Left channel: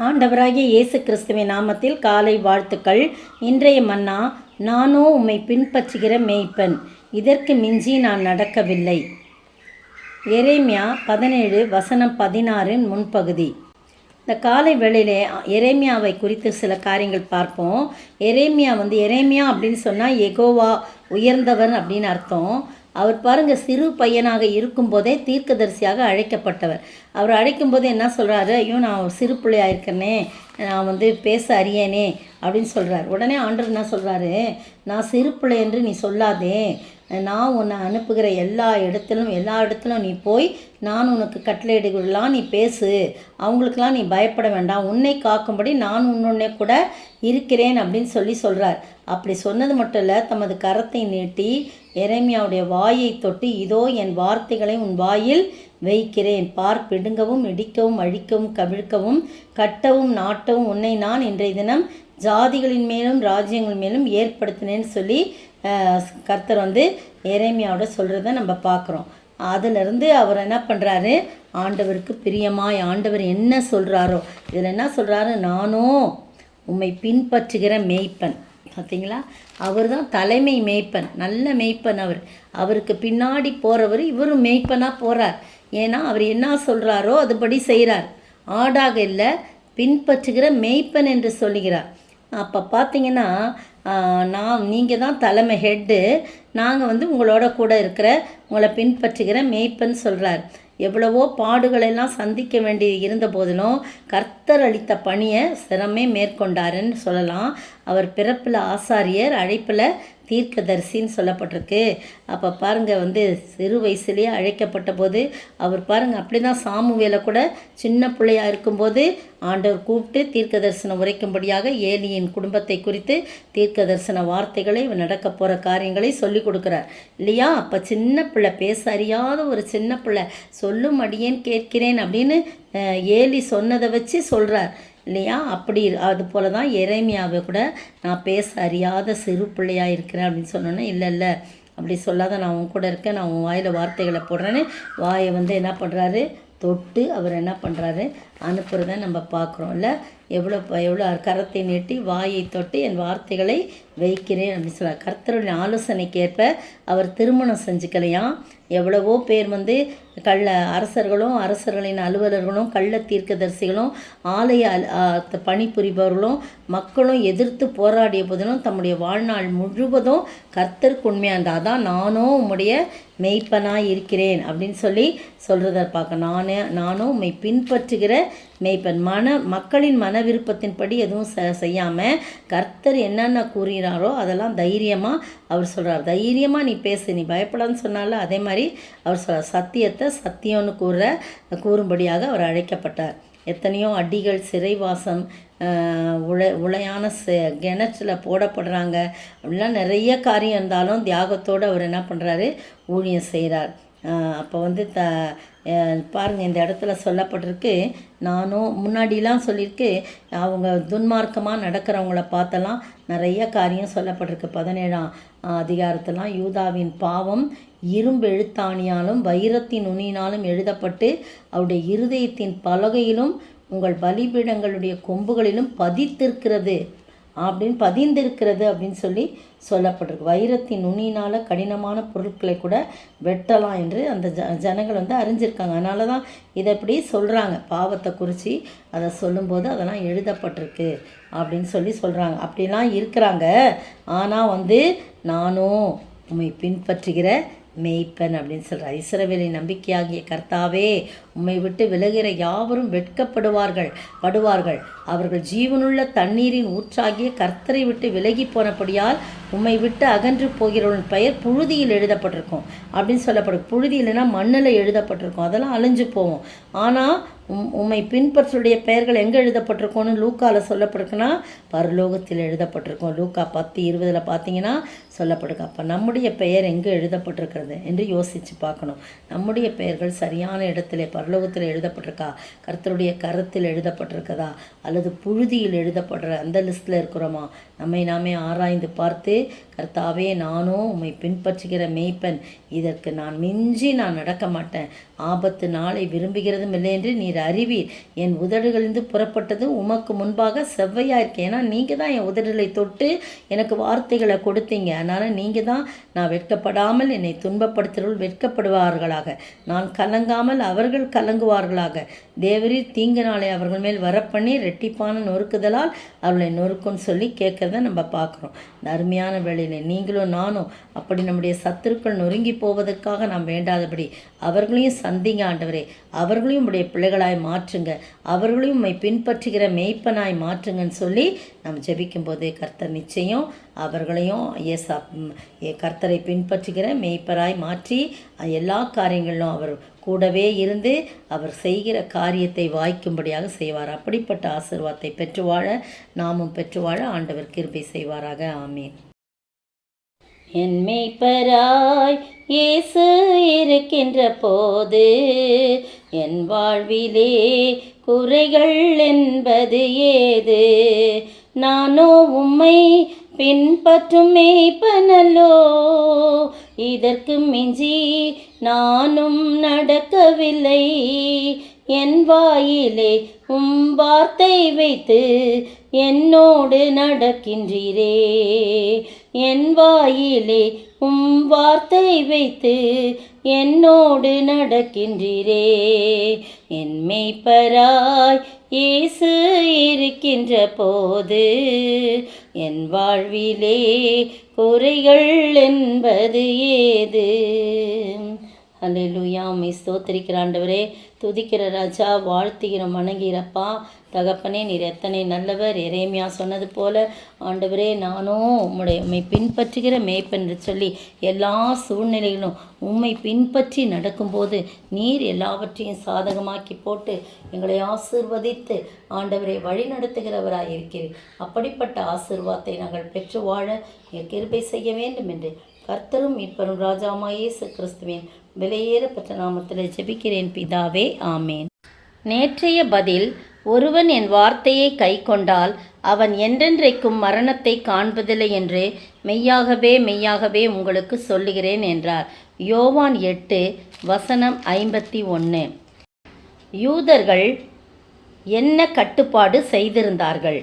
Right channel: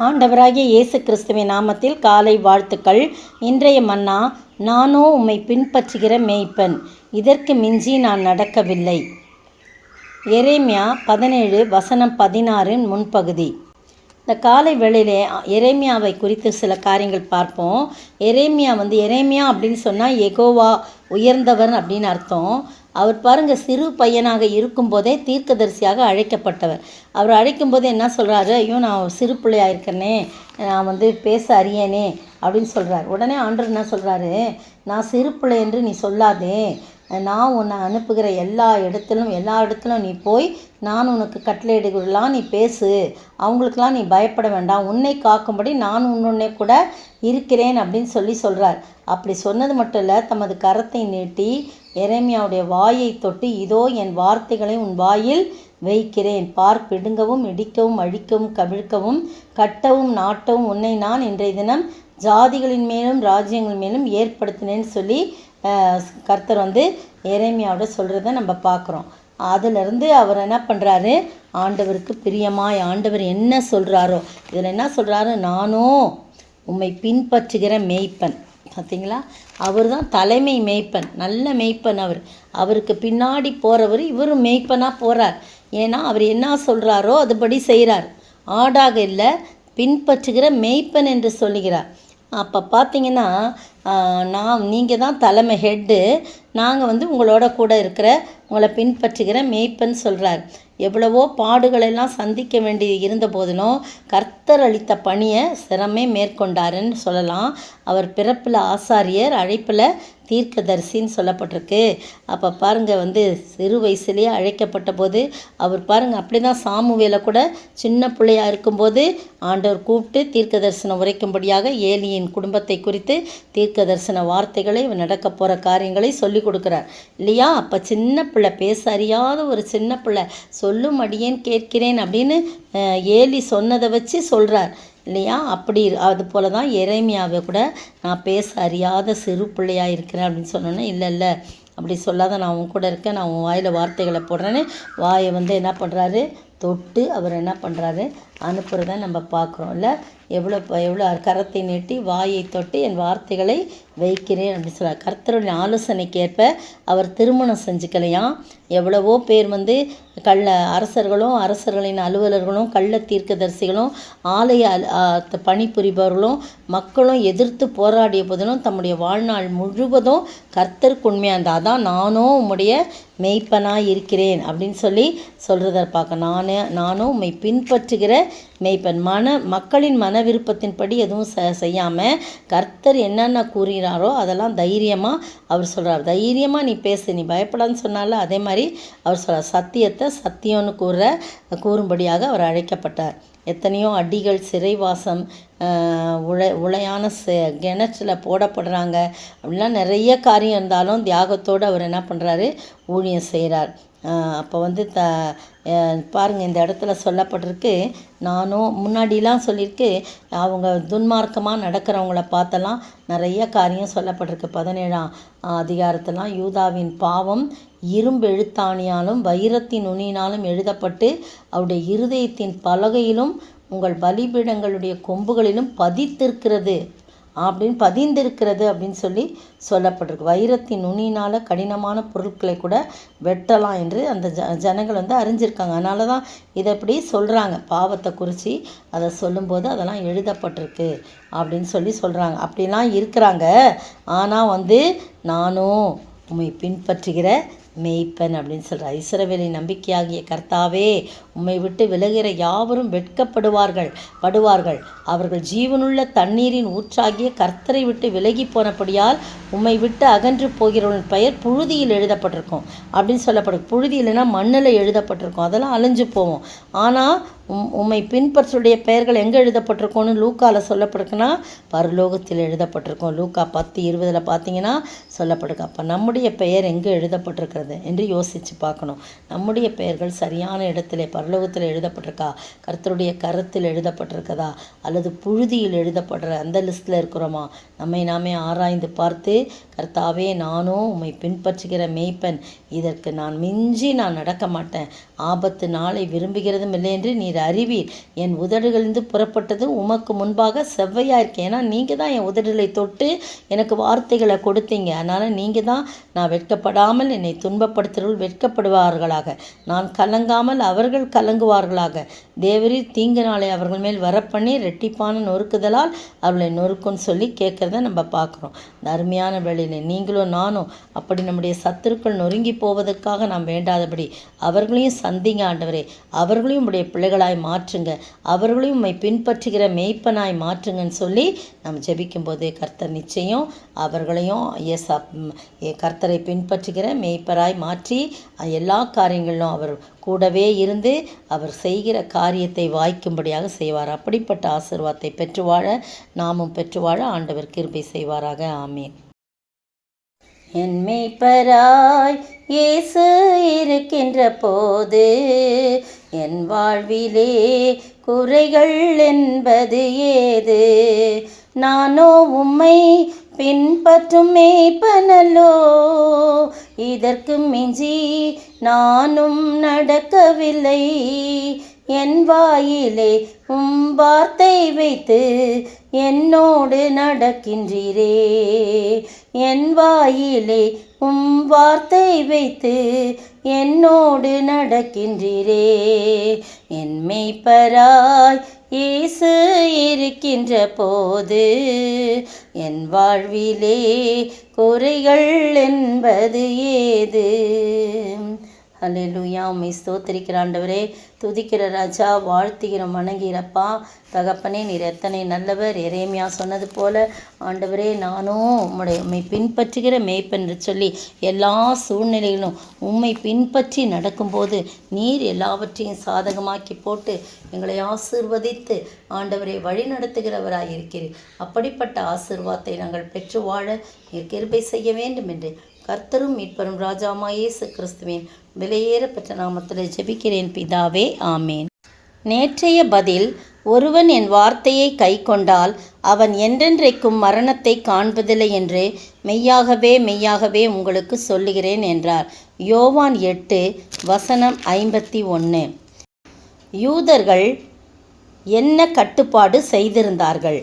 ஆண்டவராகிய இயேசு கிறிஸ்துவின் நாமத்தில் காலை வாழ்த்துக்கள். இன்றைய மன்னா, நானோ உம்மை பின்பற்றுகிற மேய்ப்பன், இதற்கு மிஞ்சி நான் நடக்கவில்லை. எரேமியா 17:16 முன்பகுதி. இந்த காலை வேளையிலே எரேமியாவை குறித்து சில காரியங்கள் பார்ப்போம். எரேமியா அப்படின்னு சொன்னால் யெகோவா உயர்ந்தவர் அப்படின்னு அர்த்தம். அவர் பாருங்கள், சிறு பையனாக இருக்கும்போதே தீர்க்கதரிசியாக அழைக்கப்பட்டவர். அவர் அழைக்கும்போது என்ன சொல்கிறாரு? ஐயோ, நான் சிறு பிள்ளையாக இருக்கேனே, நான் பேச அறியேனே அப்படின்னு சொல்கிறார். உடனே ஆண்டவர் என்ன சொல்கிறாரு? நான் சிறு பிள்ளை என்று நீ சொல்லாதே, நான் உன்னை அனுப்புகிற எல்லா இடத்திலும் நீ போய் நான் உனக்கு கட்டளையிடுகளாம் நீ பேசு, அவங்களுக்கெல்லாம் நீ பயப்பட வேண்டாம், உன்னை காக்கும்படி நான் உன்னுடனே கூட இருக்கிறேன் அப்படின்னு சொல்கிறார். அப்படி சொன்னது மட்டும் இல்லை, தமது கரத்தை நீட்டி எரேமியாவுடைய வாயை தொட்டு, இதோ என் வார்த்தைகளை உன் வாயில் வைக்கிறேன், பார், பிடுங்கவும் இடிக்கவும் அழிக்கவும் கவிழ்க்கவும் கட்டவும் நாட்டவும் உன்னை நான் இன்றைய தினம் ஜாதிகளின் மேலும் ராஜ்யங்கள் மேலும் ஏற்படுத்தினேன்னு சொல்லி கர்த்தர் எரேமியாவோட சொல்கிறத நம்ம பார்க்குறோம். அதிலிருந்து அவர் என்ன பண்ணுறாரு? ஆண்டவருக்கு பிரியமாய் ஆண்டவர் என்ன சொல்கிறாரோ, இதில் என்ன சொல்கிறாரு? நானோ உம்மை பின்பற்றுகிற மேய்ப்பன். பார்த்தீங்களா? அவர் தான் தலைமை மேய்ப்பன், நல்ல மேய்ப்பன். அவருக்கு பின்னாடி போகிறவர், இவரும் மேய்ப்பனாக போகிறார். ஏன்னா அவர் என்ன சொல்கிறாரோ அதுபடி செய்கிறார். ஆடாக இல்லை, பின்பற்றுகிற மேய்ப்பன் என்று சொல்லுகிறார். அப்போ பார்த்தீங்கன்னா, நீங்கள் தான் தலைமை ஹெட்டு, நாங்கள் உங்களோட கூட இருக்கிற உங்களை பின்பற்றுகிற மேய்ப்பன் சொல்கிறார். எவ்வளவோ பாடுகளெல்லாம் சந்திக்க வேண்டி இருந்த போதிலும் கர்த்தர் அளித்த பணியை சிரமே மேற்கொண்டாருன்னு சொல்லலாம். அவர் பிறப்பில் ஆசாரியர், அழைப்பில் தீர்க்கதரிசின்னு சொல்லப்பட்டிருக்கு. அப்போ பாருங்கள், சிறு வயசுலேயே அழைக்கப்பட்ட போது அவர் பாருங்கள், அப்படி தான் சாமுவேலை கூட சின்ன பிள்ளையாக இருக்கும்போது ஆண்டவர் கூப்பிட்டு தீர்க்க தரிசனம் உரைக்கும்படியாக ஏலியின் குடும்பத்தை குறித்து தீர்க்க தரிசன வார்த்தைகளை, நடக்க போகிற காரியங்களை சொல்லி கொடுக்குறார் இல்லையா? அப்போ சின்ன பிள்ளை, பேச அறியாத ஒரு சின்ன பிள்ளை, சொல்லும் அடியேன் கேட்கிறேன் அப்படின்னு ஏலி சொன்னதை வச்சு சொல்கிறார் இல்லையா? அப்படி அது போல தான் எரேமியாவை கூட நான் பேச அறியாத சிறு பிள்ளையாக இருக்கிறேன் அப்படின்னு சொன்னோன்னே, இல்லை அப்படி சொல்லாத, நான் உன் கூட இருக்கேன், நான் உன் வாயில் வார்த்தைகளை போடுறேன்னு வாயை என்ன பண்ணுறாரு? தொட்டு அவர் என்ன பண்ணுறாரு? அனுப்புகிறத நம்ம பார்க்குறோம் இல்லை? எவ்வளோ கரத்தை நீட்டி வாயை தொட்டு என் வார்த்தைகளை வைக்கிறேன் அப்படின்னு சொல்கிறார். கர்த்தருடைய ஆலோசனைக்கு ஏற்ப அவர் திருமணம் செஞ்சுக்கலையாம். எவ்வளவோ பேர் அரசர்களின் அலுவலர்களும் கள்ள தீர்க்கதரிசிகளும் ஆலய பணிபுரிபவர்களும் மக்களும் எதிர்த்து போராடிய போதிலும் தம்முடைய வாழ்நாள் முழுவதும் கர்த்தருக்கு உண்மையாக இருந்தால், அதான் நானோ உம்முடைய மெய்ப்பனாக இருக்கிறேன் அப்படின்னு சொல்கிறத பார்க்க. நானும் உம்மை பின்பற்றுகிற மெய்ப்பன். மக்களின் மன விருப்பத்தின்படி எதுவும் செய்யாமல் கர்த்தர் என்னென்ன கூறுகிறாரோ அதெல்லாம் தைரியமாக அவர் சொல்கிறார். தைரியமாக நீ பேசு, நீ பயப்படான்னு சொன்னால அதே மாதிரி அவர் சொல்கிறார். சத்தியத்தை சத்தியம்னு கூறும்படியாக அவர் அழைக்கப்பட்டார். எத்தனையோ அடிகள், சிறைவாசம், உளையான கிணற்றில் போடப்படுறாங்க, அப்படிலாம் நிறைய காரியம் இருந்தாலும் தியாகத்தோடு அவர் என்ன பண்ணுறாரு? ஊழியம் செய்கிறார். அப்போ பாருங்கள், இந்த இடத்துல சொல்லப்பட்டிருக்கு, நானும் முன்னாடிலாம் சொல்லியிருக்கு, அவங்க துன்மார்க்கமாக நடக்கிறவங்கள பார்த்தெல்லாம் நிறைய காரியம் சொல்லப்பட்டிருக்கு. 17ஆம் அதிகாரத்தெல்லாம் யூதாவின் பாவம் இரும்பு எழுத்தாணியாலும் வைரத்தின் நுனியினாலும் எழுதப்பட்டு அவருடைய இருதயத்தின் பலகையிலும் உங்கள் பலிபீடங்களுடைய கொம்புகளிலும் பதிந்திருக்கிறது அப்படின்னு சொல்லப்பட்டிருக்கு. வைரத்தின் நுனியினால் கடினமான பொருட்களை கூட வெட்டலாம் என்று அந்த ஜனங்கள் அறிஞ்சிருக்காங்க. அதனால தான் இதை அப்படி சொல்கிறாங்க. பாவத்தை குறித்து அதை சொல்லும்போது அதெல்லாம் எழுதப்பட்டிருக்கு அப்படின்னு சொல்கிறாங்க. அப்படிலாம் இருக்கிறாங்க. ஆனால் நானும் உம்மை பின்பற்றுகிற மேய்ப்பன் அப்படின்னு சொல்கிறார். இஸ்ரவேலின் நம்பிக்கையாகிய கர்த்தாவே, உம்மை விட்டு விலகிற யாவரும் வெட்கப்படுவார்கள். அவர்கள் ஜீவனுள்ள தண்ணீரின் ஊற்றாகிய கர்த்தரை விட்டு விலகி போனபடியால் உம்மை விட்டு அகன்று போகிறவன் பெயர் புழுதியில் எழுதப்பட்டிருக்கும் அப்படின்னு சொல்லப்படும். புழுதி இல்லைன்னா மண்ணில் எழுதப்பட்டிருக்கும், அதெல்லாம் அழிஞ்சு போவோம். ஆனால் உம்மை பின்பற்றுடைய பெயர்கள் எங்கே எழுதப்பட்டிருக்கோன்னு லூக்காவில் சொல்லப்பட்டிருக்குன்னா பரலோகத்தில் எழுதப்பட்டிருக்கோம். லூக்கா 10:20 பார்த்தீங்கன்னா சொல்லப்பட்டிருக்கு. அப்போ நம்முடைய பெயர் எங்கே எழுதப்பட்டிருக்கிறது என்று யோசித்து பார்க்கணும். நம்முடைய பெயர்கள் சரியான இடத்துல பரலோகத்தில் எழுதப்பட்டிருக்கா, கர்த்தருடைய கரத்தில் எழுதப்பட்டிருக்கதா, அல்லது புழுதியில் எழுதப்படுற அந்த லிஸ்ட்டில் இருக்கிறோமா? நம்மை நாமே ஆராய்ந்து பார்த்து, கர்த்தாவே நானும் உம்மை பின்பற்றுகிற மேய்ப்பன், இதற்கு நான் மிஞ்சி நான் நடக்க மாட்டேன், ஆபத்து நாளை விரும்புகிறதும் இல்லை என்று நீர் அறிவீர். என் உதடுகளிலிருந்து புறப்பட்டது உமக்கு முன்பாக செவ்வையாக இருக்கேன். ஏன்னா நீங்கள் தான் என் உதடுகளை தொட்டு எனக்கு வார்த்தைகளை கொடுத்தீங்க. அதனால் நீங்கள் தான் நான் வெட்கப்படாமல் என்னை துன்பப்படுத்துகிறவர்கள் வெட்கப்படுவார்களாக, நான் கலங்காமல் அவர்கள் கலங்குவார்களாக. தேவரீர் தீங்கு நாளை அவர்கள் மேல் வரப்பண்ணி ரெட்டிப்பான நொறுக்குதலால் அவர்களை நொறுக்குன்னு சொல்லி கேட்குறத நம்ம பார்க்குறோம். இந்த அருமையான வேளையிலே நீங்களும் நானும் அப்படி நம்முடைய சத்துருக்கள் நொறுங்கி போவதற்காக நாம் வேண்டாதபடி அவர்களையும் சந்திங்க ஆண்டவரே, அவர்களையும் உடைய பிள்ளைகளாய் மாற்றுங்க, அவர்களையும் உம்மை பின்பற்றுகிற மேய்ப்பனாய் மாற்றுங்கன்னு சொல்லி நம்ம ஜெபிக்கும்போது கர்த்தர் நிச்சயம் அவர்களையும் கர்த்தரை பின்பற்றுகிற மேய்ப்பராய் மாற்றி எல்லா காரியங்களிலும் அவர் கூடவே இருந்து அவர் செய்கிற காரியத்தை வாய்க்கும்படியாக செய்வார். அப்படிப்பட்ட ஆசீர்வாதத்தை பெற்று வாழ நாமும் பெற்று வாழ ஆண்டவர் கிருபை செய்வாராக. ஆமீன். என் மேய்ப்பராய் இயேசு இருக்கின்ற போது என் வாழ்விலே குறைகள் என்பது ஏது? நானோ உம்மை பின்பற்றும் மேய்ப்பனல்லோ, இதற்கு மிஞ்சி நானும் நடக்கவில்லை. என் வாயிலே உம் வார்த்தை வைத்து என்னோடு நடக்கின்றீரே, என் வாயிலே உம் வார்த்தை வைத்து என்னோடு நடக்கின்றீரே. என் மேய்ப்பராய் இயேசு இருக்கின்ற போது என் வாழ்விலே குறைகள் என்பது ஏது? அல்லேலூயா. உம்மை ஸ்தோத்திரிக்கிற ஆண்டவரே, துதிக்கிற ராஜா, வாழ்த்துகிற வணங்கிறப்பா. தகப்பனே, நீர் எத்தனை நல்லவர். எரேமியா சொன்னது போல ஆண்டவரே, நானும் உம்மை பின்பற்றுகிற மேய்ப்பன் என்று சொல்லி எல்லா சூழ்நிலையிலும் உம்மை பின்பற்றி நடக்கும்போது நீர் எல்லாவற்றையும் சாதகமாக்கி போட்டு எங்களை ஆசீர்வதித்து ஆண்டவரை வழி நடத்துகிறவராய் இருக்கிறீர். அப்படிப்பட்ட ஆசீர்வாதத்தை நாங்கள் பெற்று வாழ நீர் கிருபை செய்ய வேண்டும் என்று கர்த்தரும் மீட்பரும் ராஜாவாகிய இயேசு கிறிஸ்துவின் விலையேற பெற்ற நாமத்தில் ஜெபிக்கிறேன் பிதாவே, ஆமேன். நேற்றைய பதில்: ஒருவன் என் வார்த்தையை கைக்கொண்டால் அவன் என்றென்றைக்கும் மரணத்தை காண்பதில்லை என்று மெய்யாகவே மெய்யாகவே உங்களுக்கு சொல்லுகிறேன் என்றார். யோவான் 8:51. யூதர்கள் என்ன கட்டுப்பாடு செய்திருந்தார்கள்?